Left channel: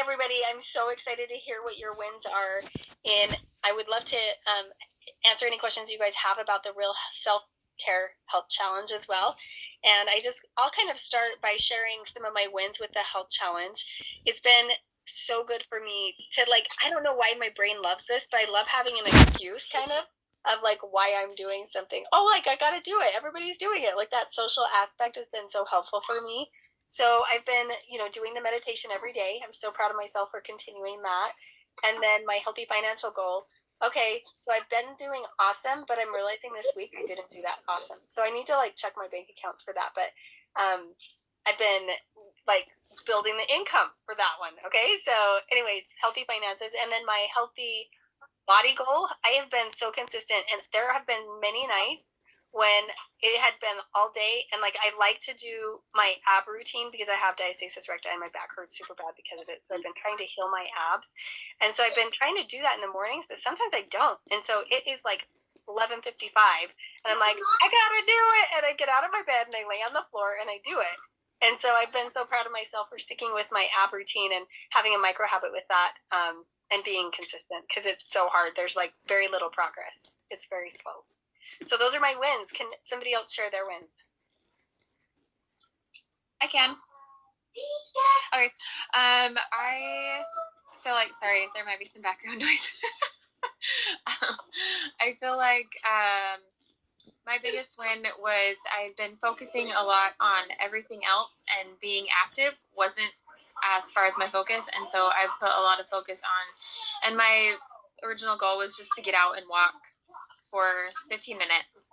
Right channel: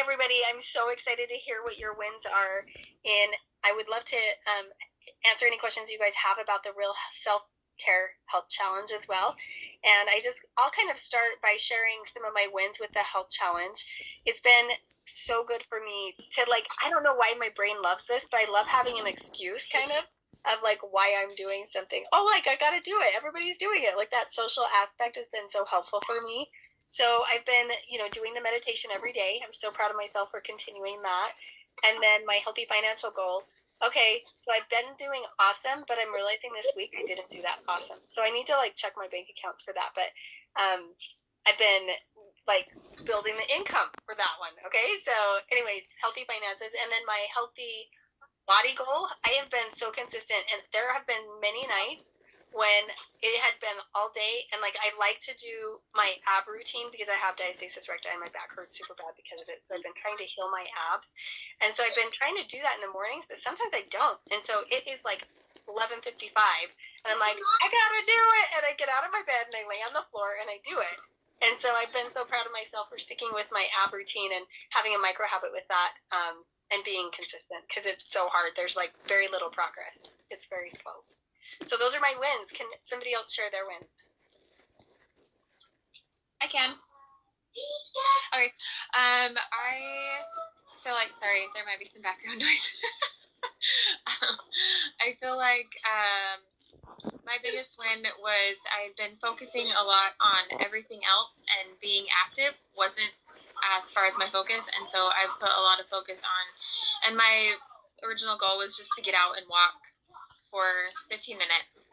everybody. I'm so excited to hear what your wins are. And I would love to answer any questions you guys have about the Real Self-Care Health Challenge as well. And I'll kind of start by sharing some of my wins with the Health Challenge. It's been so good for me to I don't know why my brain loves this, but I love having an excuse kind of why I'm doing something. Oh, I got to do it. Everybody's doing it. Like that social aspect has been so helpful for me. So I've been, doing the meditation every day. I'm so proud of myself for continuing that. And then my healthy financial goal. Okay, so I've been doing awesome, but I'm realizing this week I didn't do that awesome. So I need to check my bank accounts for that. But I've been building the income for that one. Okay, so anyways, healthy finances, and then my healthy body goal. I have been so consistent, and there have been many nights when it had been all day, and I like to do my ab routine because I have diastasis recti and my back hurts super bad because of it. So I've been trying to heal my abs, and so I've been trying to do that in the mornings, but sometimes I don't. And so it is 11:55, and I'm like, I gotta do it, and I get out of my bed and I lay on the floor and I do it. And so I've been so proud of myself for sticking with my ab routine and having a micro habit with that. And being consistent because it's so hard. There's very little progress. It's very slow. So those are my wins. Can somebody else share their wins? I can. Okay. I feel like, sorry, there might be some background noise. I feel like my biggest win was I've been focusing a lot on everything else, and being active wasn't as far as my focus, and so I put a lot of focus on, and my original goal was just to get out and walk for 15 minutes.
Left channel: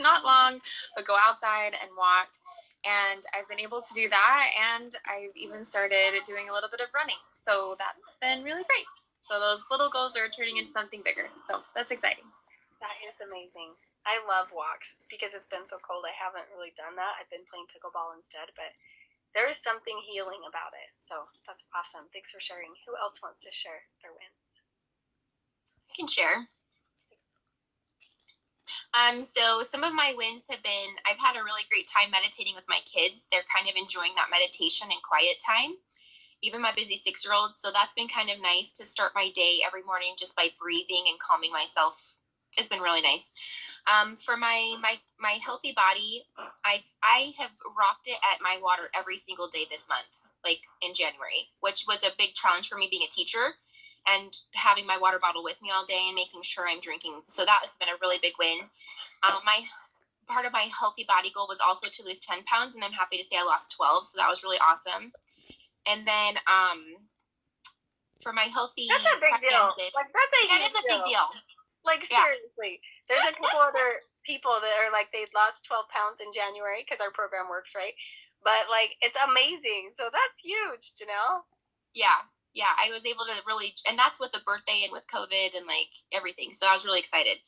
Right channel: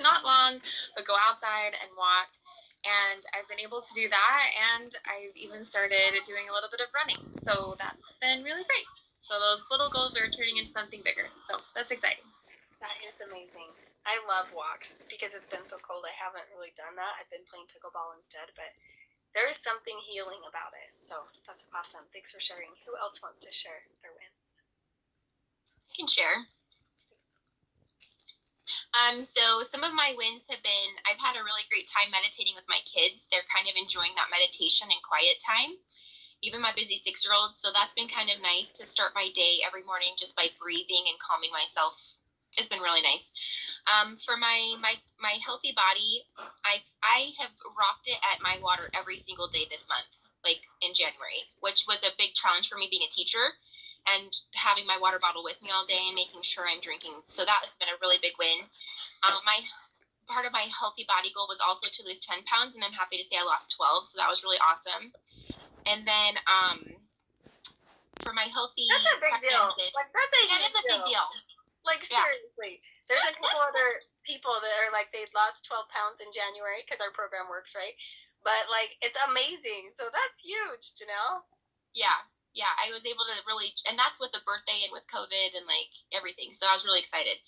Not long, but go outside and walk. And I've been able to do that, and I've even started doing a little bit of running. So that's been really great. So those little goals are turning into something bigger. So that's exciting. That is amazing. I love walks because it's been so cold. I haven't really done that. I've been playing pickleball instead, but there is something healing about it. So that's awesome. Thanks for sharing. Who else wants to share their wins? I can share. So some of my wins have been, I've had a really great time meditating with my kids. They're kind of enjoying that meditation and quiet time, even my busy 6-year-old. So that's been kind of nice to start my day every morning just by breathing and calming myself. It's been really nice. For my healthy body, I have rocked it at my water every single day this month, in January, which was a big challenge for me being a teacher and having my water bottle with me all day and making sure I'm drinking. So that has been a really big win. My part of my healthy body goal was also to lose 10 pounds, and I'm happy to say I lost 12. So that was really awesome. And then for my healthy that's a big deal. That is a big deal. Seriously, there's a couple other people that are they lost 12 pounds in January because our program works, right? But it's amazing. So that's huge, Janelle. Yeah, I was able to really, and that's with the birthday and with COVID and everything. So I was really excited.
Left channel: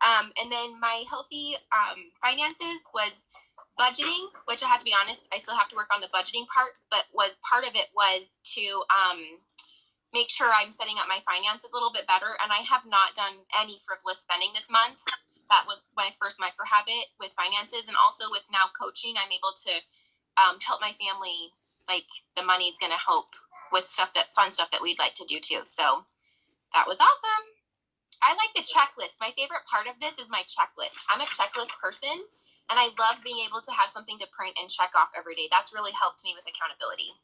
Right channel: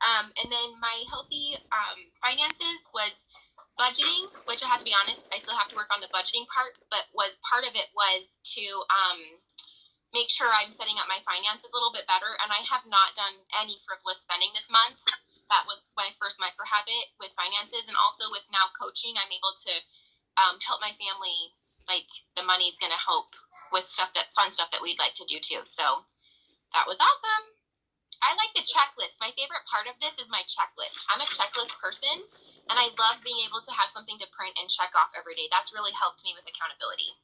And then my healthy finances was budgeting, which I have to be honest, I still have to work on the budgeting part, but part of it was to make sure I'm setting up my finances a little bit better. And I have not done any frivolous spending this month. That was my first micro habit with finances. And also with now coaching, I'm able to help my family. The money's going to help with fun stuff that we'd like to do too. So that was awesome. I like the checklist. My favorite part of this is my checklist. I'm a checklist person, and I love being able to have something to print and check off every day. That's really helped me with accountability.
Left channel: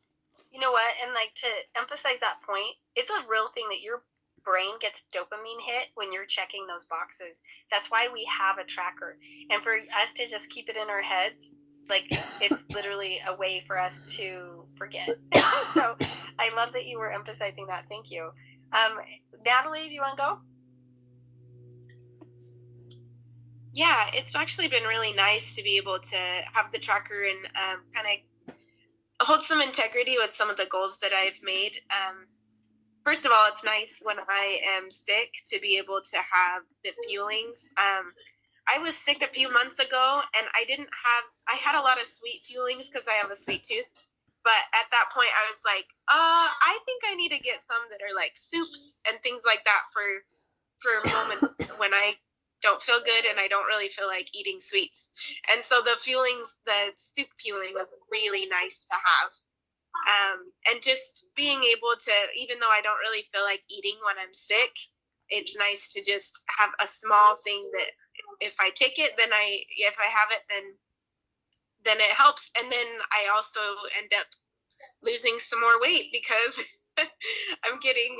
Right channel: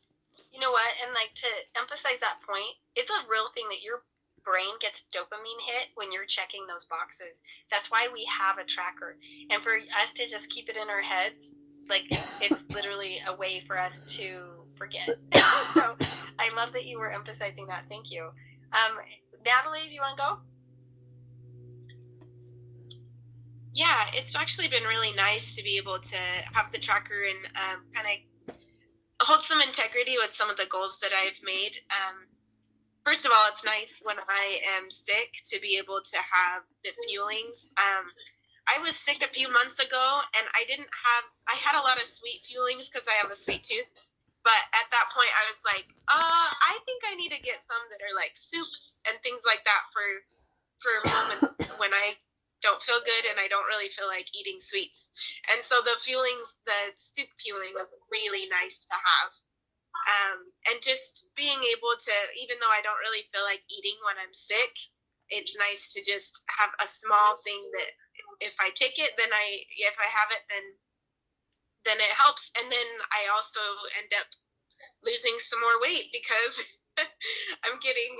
You know what? And to emphasize that point, it's a real thing that your brain gets dopamine hit when you're checking those boxes. That's why we have a tracker. And for us to just keep it in our heads, it's literally a way for us to forget. So I love that you were emphasizing that. Thank you. Natalie, do you want to go? Yeah, it's actually been really nice to be able to have the tracker and kind of hold some integrity with some of the goals that I've made. First of all, it's nice when I am sick to be able to have the feelings. I was sick a few months ago, and I had a lot of sweet feelings because I have a sweet tooth. But at that point, I was like, I think I need to get some that are soups and things like that for moments when I don't feel good and I don't really feel like eating sweets. And so the soup feeling was really nice to have. And just being able to, even though I don't really feel like eating when I'm sick, it's nice to just have a small thing that if I take it, if I have it, then it helps. And then I also end up losing some more weight because I'm getting,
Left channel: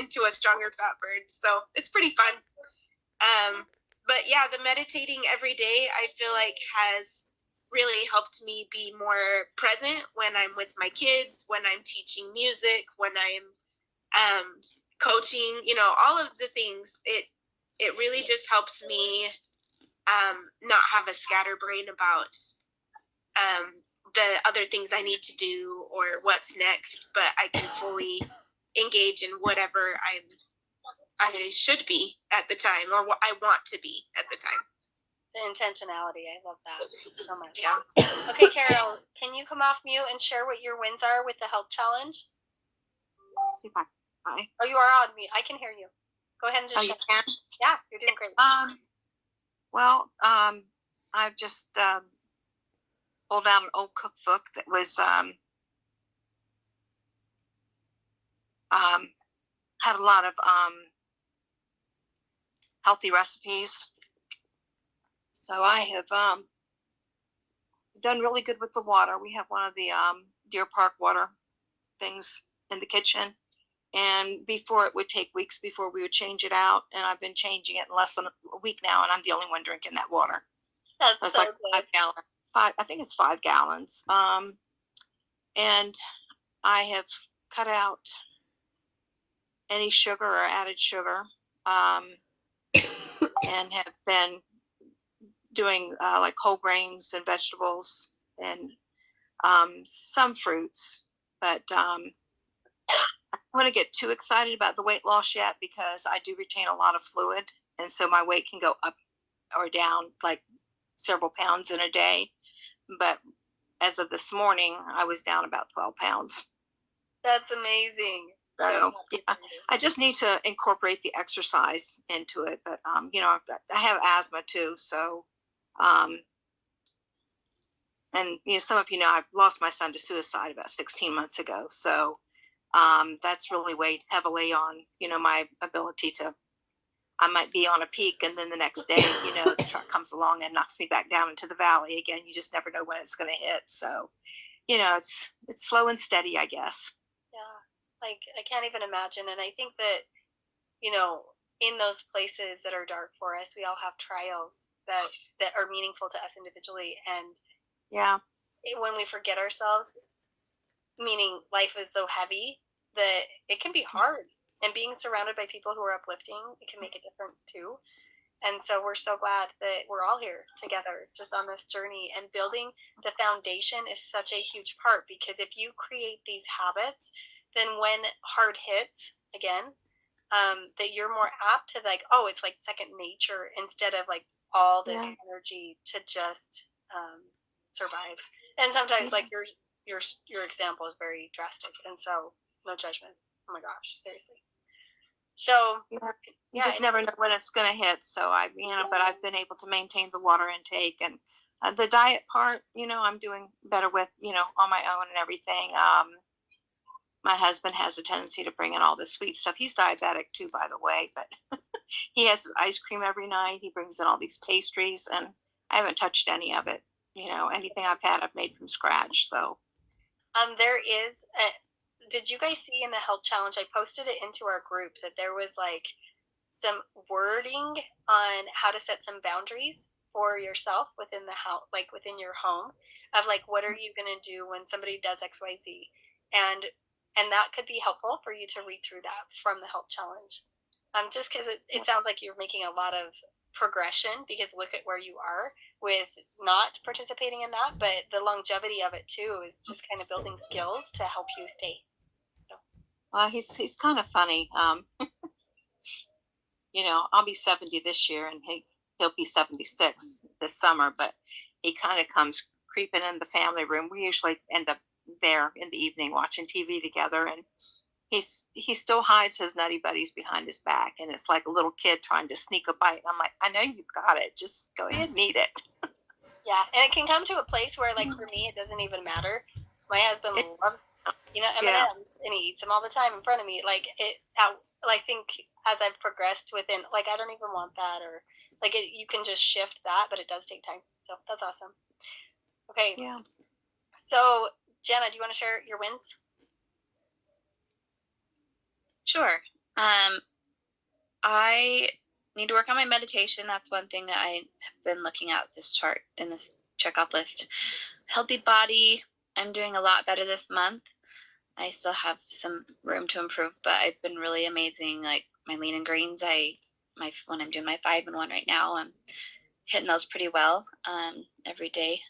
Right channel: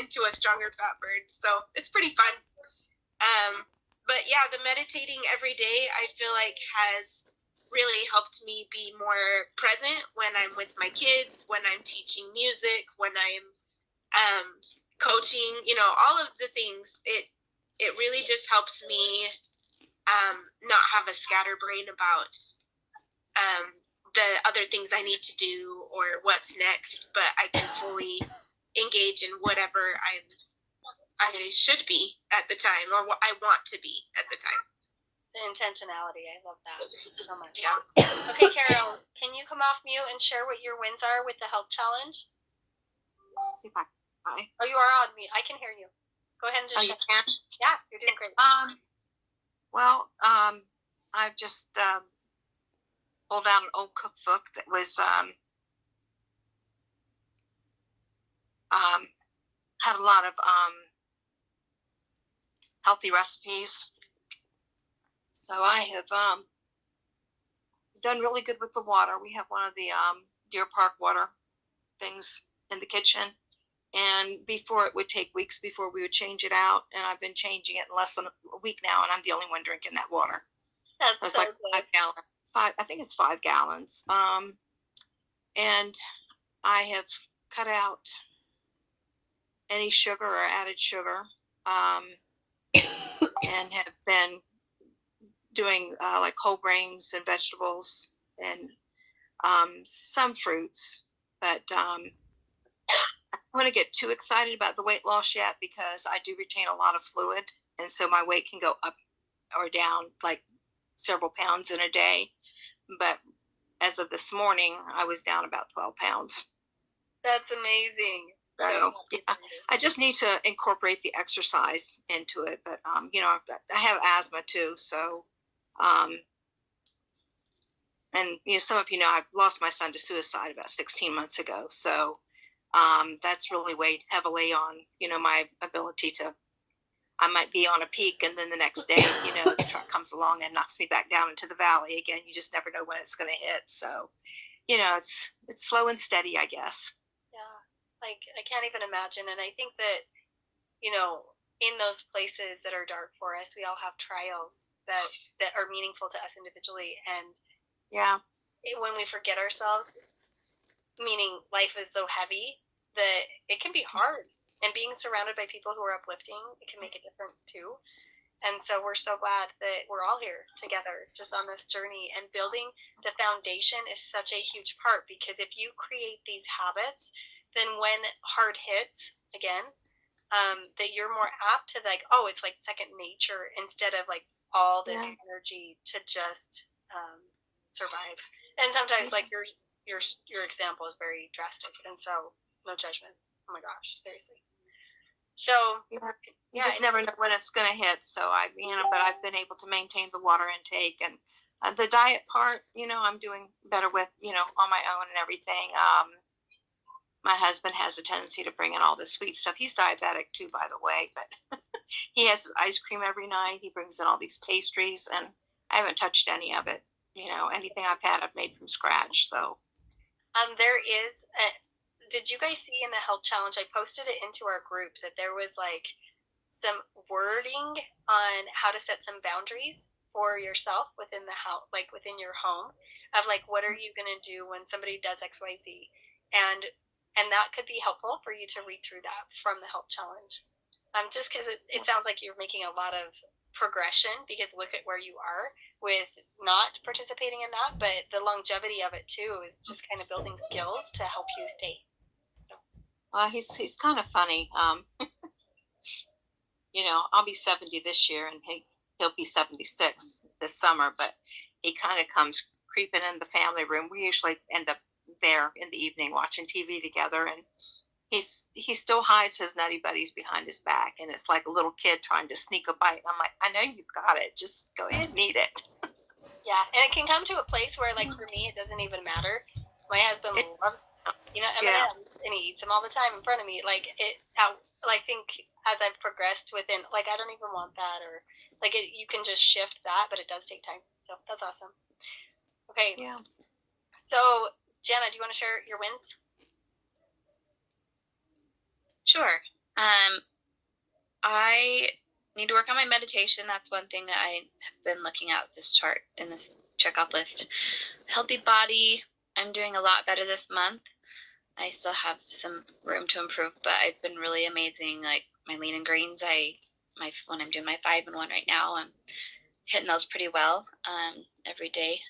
into a stronger fat burn. So it's pretty fun. But yeah, the meditating every day, I feel like has really helped me be more present when I'm with my kids, when I'm teaching music, when I'm coaching, all of the things. It really just helps me not have a scatterbrain about the other things I need to do or what's next, but I can fully engage in whatever I should be at the time or what I want to be at the time. The intentionality, I love that so much. Yeah. Okay, Carol, can you come off mute and share what your wins are with the health challenge? Let's see if I. Oh, you are on mute. I can hear you. Go ahead and just. Oh, you can? Yeah, you're doing great. Well, I've just pulled out an old cookbook that was had a lot of healthy recipes. So I have done really good with the water. We have one of the Deer Park water things in the kitchen. And before, it would take weeks before we would change it out. And I've been changing it in less than a week now. And I'm the only one drinking that water. That's It's so like good. 5 gallons. I think it's 5 gallons. And I have cut out any sugar or added sugar, and have been doing like whole grains and vegetables and some fruits. But I don't want to get too excited about the weight loss yet because I do retain a lot of fluid, and so my weight can go up or down like several pounds in a day. But as of this morning, I was down about 12 pounds. That's amazing. So yeah, I just need to incorporate the exercise into it. But I have asthma too, so and some of I've lost my son to suicide about 16 months ago. So that's really weighed heavily on my ability to. I might be on a peak, and then the next day, the truck comes along and knocks me back down into the valley again. You just never know when it's going to hit. So, it's slow and steady, I guess. Yeah, like I can't even imagine. And I think that, in those places that are dark for us, we all have trials that are meaningful to us individually. And yeah, when we forget ourselves, meaning life is so heavy that it can be hard. And being surrounded by people who are uplifting, it can make a difference too. And so we're so glad that we're all here together just on this journey, and building the foundation is such a huge part, because if you create these habits, then when hard hits again, that you're more apt to it's like second nature instead of like all this energy to just survive. And sometimes like your example is very drastic, and so no judgment. Oh my gosh, seriously. So you just never know when it's going to hit. So but I've been able to maintain the water intake, and the diet part, I'm doing better with, on my own and everything. My husband has a tendency to bring in all the sweet stuff. He's diabetic too, by the way, but he has ice cream every night. He brings in all these pastries, and I haven't touched any of it. Anything I've had, I've made from scratch. So, there is did you guys see in the health challenge, I posted it into our group, that there was like some wording on how to set some boundaries for yourself within the house, like within your home, of like, what are you going to do when somebody does XYZ? And that could be helpful for you to read through that from the health challenge. Just because it sounds like you're making a lot of progression, because look at where you are with not participating in that, but the longevity of it too is just kind of building skills to help you stay. He's kind of funny. I'll be 70 this year, and he'll be 76 this summer, but he kind of comes creeping in the family room. We usually end up there in the evening watching TV together, and he still hides his Nutty Buddies behind his back, and it's like a little kid trying to sneak a bite. I'm like, I know you've got it. Just go ahead and eat it. Yeah, and it can come to a place where, like, for me, it doesn't even matter. My husband loves Yeah. M&Ms, and he eats them all the time in front of me. Like I think as I've progressed within, like, I don't even want that, or like you can just shift that, but it does take time. So that's awesome. Okay. Yeah. So Jana, do you want to share your wins? Sure. I need to work on my meditation. That's one thing that I have been looking at this chart in this checkoff list. Healthy body. I'm doing a lot better this month. I still have some room to improve, but I've been really amazing. Like my lean and greens, when I'm doing my 5-in-1 right now, I'm hitting those pretty well every day.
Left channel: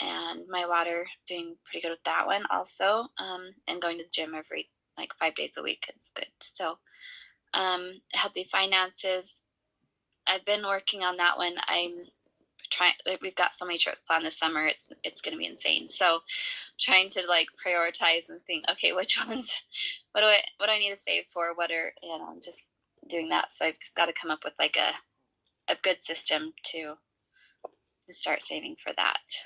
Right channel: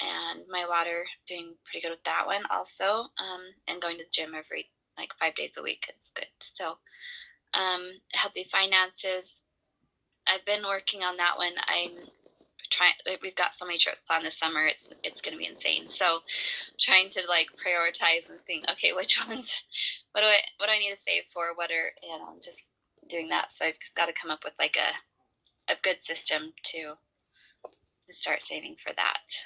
And my water, doing pretty good with that one also. And going to the gym every 5 days a week is good. So healthy finances, I've been working on that one. I'm trying, we've got so many trips planned this summer, it's going to be insane. So trying to prioritize and think, okay, which ones, what do I need to save for, I'm just doing that. So I've just got to come up with a good system to start saving for that.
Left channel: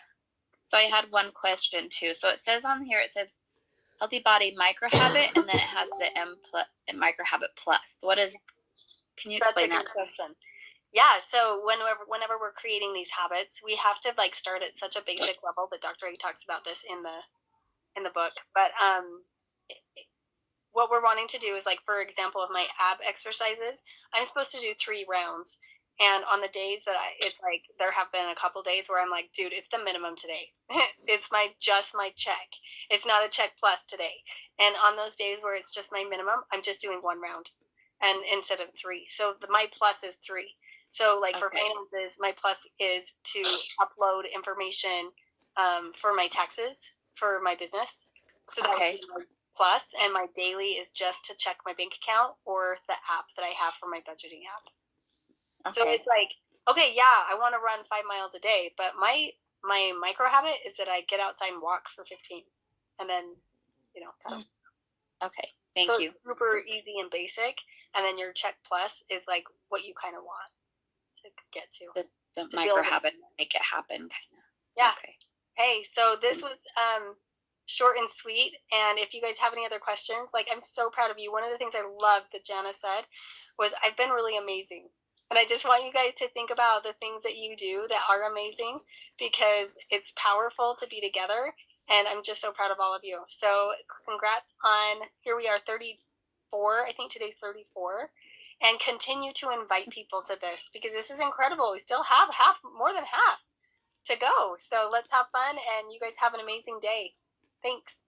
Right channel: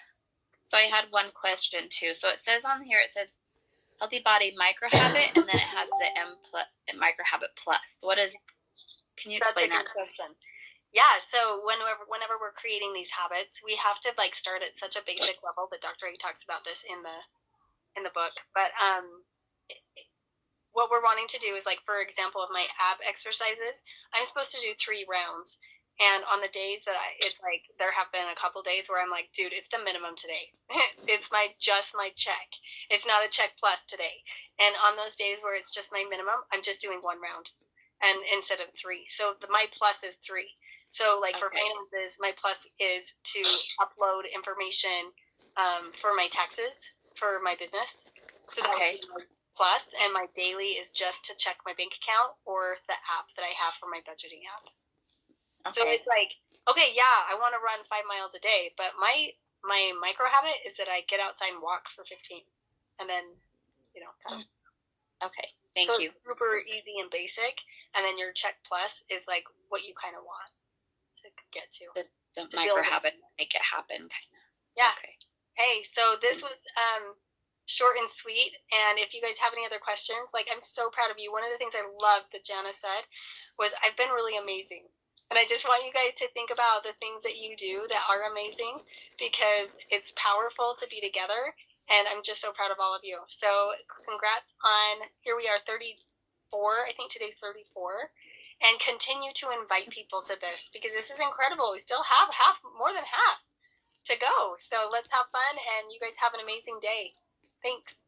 So I had one question too. So it says on here, healthy body micro habit, and then it has the micro habit plus. Can you explain that? That's a good question. Yeah, so whenever we're creating these habits, we have to start at such a basic level. But Dr. A talks about this in the book. But what we're wanting to do is, for example, of my ab exercises, I'm supposed to do 3 rounds. And on the days that there have been a couple days where I'm like, dude, it's the minimum today. It's just my check. It's not a check plus today. And on those days where it's just my minimum, I'm just doing 1 round, and instead of 3. So my plus is 3. So for finances, my plus is to upload information for my taxes for my business. So that would be my plus, and my daily is just to check my bank account or the app that I have for my budgeting app. Okay. So it's okay, yeah, I want to run 5 miles a day, but my micro habit is that I get outside and walk for 15, and then Okay, thank you. It's super easy and basic, and then your check plus is what you kind of want to get to. The micro habit, make it happen, kind of. Yeah. Okay. Hey, so this was short and sweet, and if you guys have any other questions, I'm so proud of you. One of the things I loved that Jana said was, I've been really amazing. And I just want you guys to think about the things that you do that are amazing, because it's powerful to be together. And I'm just so proud of all of you. So congrats on, here we are, 34. I think today's 34. And continue to invite people to this, because this is incredible. We still have more than half to go. So let's have fun, and you guys have an amazing day. Thanks.